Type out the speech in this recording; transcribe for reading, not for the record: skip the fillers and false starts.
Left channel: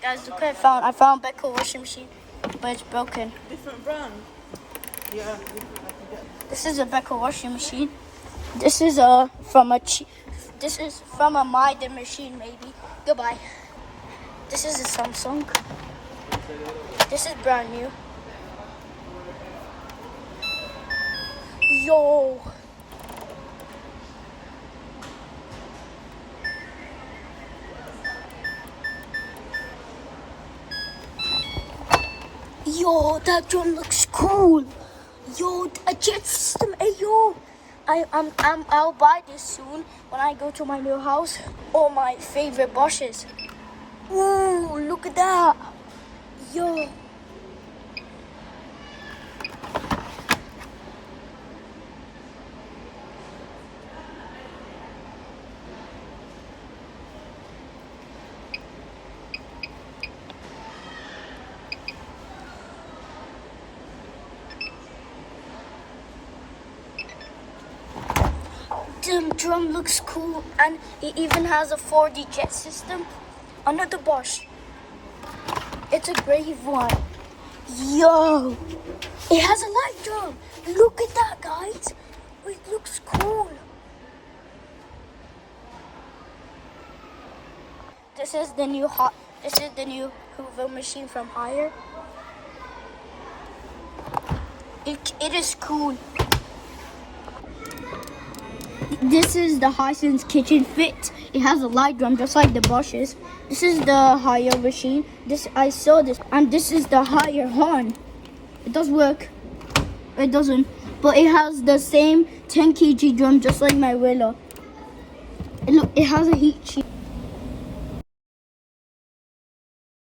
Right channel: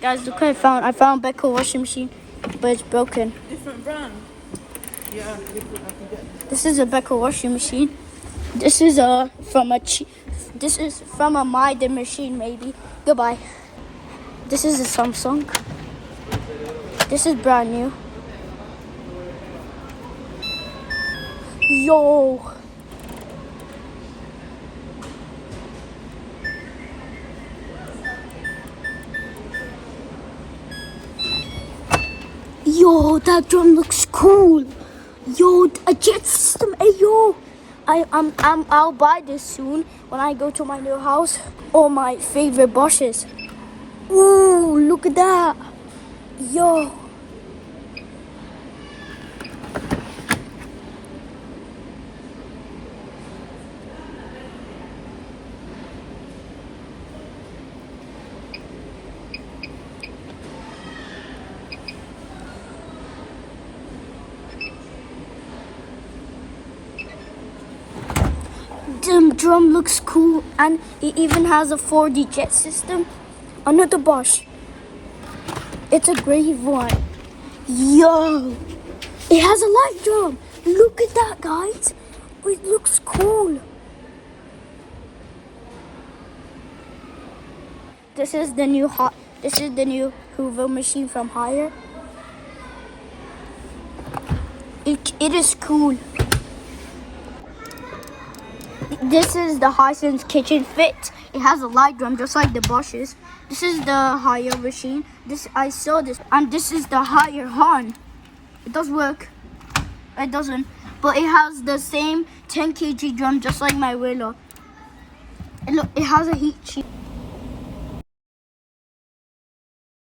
Guys, look what I found Becca washing machine, but it's broken. This is a Becca washing machine. This is from a Maiden machine maybe. Goodbye. This is a Samsung. This is brand new. Yo. Yo, that drum looks cool. Yo, a jet system. Hey, yo. I'll buy this soon when I go to my new house. All my favorite Bosches. Ooh, look at that. Yo. The drum looks cool, and it even has a 4D jet system. Another Bosch. It's a brave one. Yo, it has a light drum. Look at that, guys. It looks cool. This is the new Hoover machine from Haier. It is cool. This is the Hisense Kitchen Fit. It has a light drum just like the Bosches. This is the Haier machine. I saw this, and this is the Haier horn. It does work. It doesn't, but it has the same 10 kg drum just like my Willow. And look, it has a heat shield.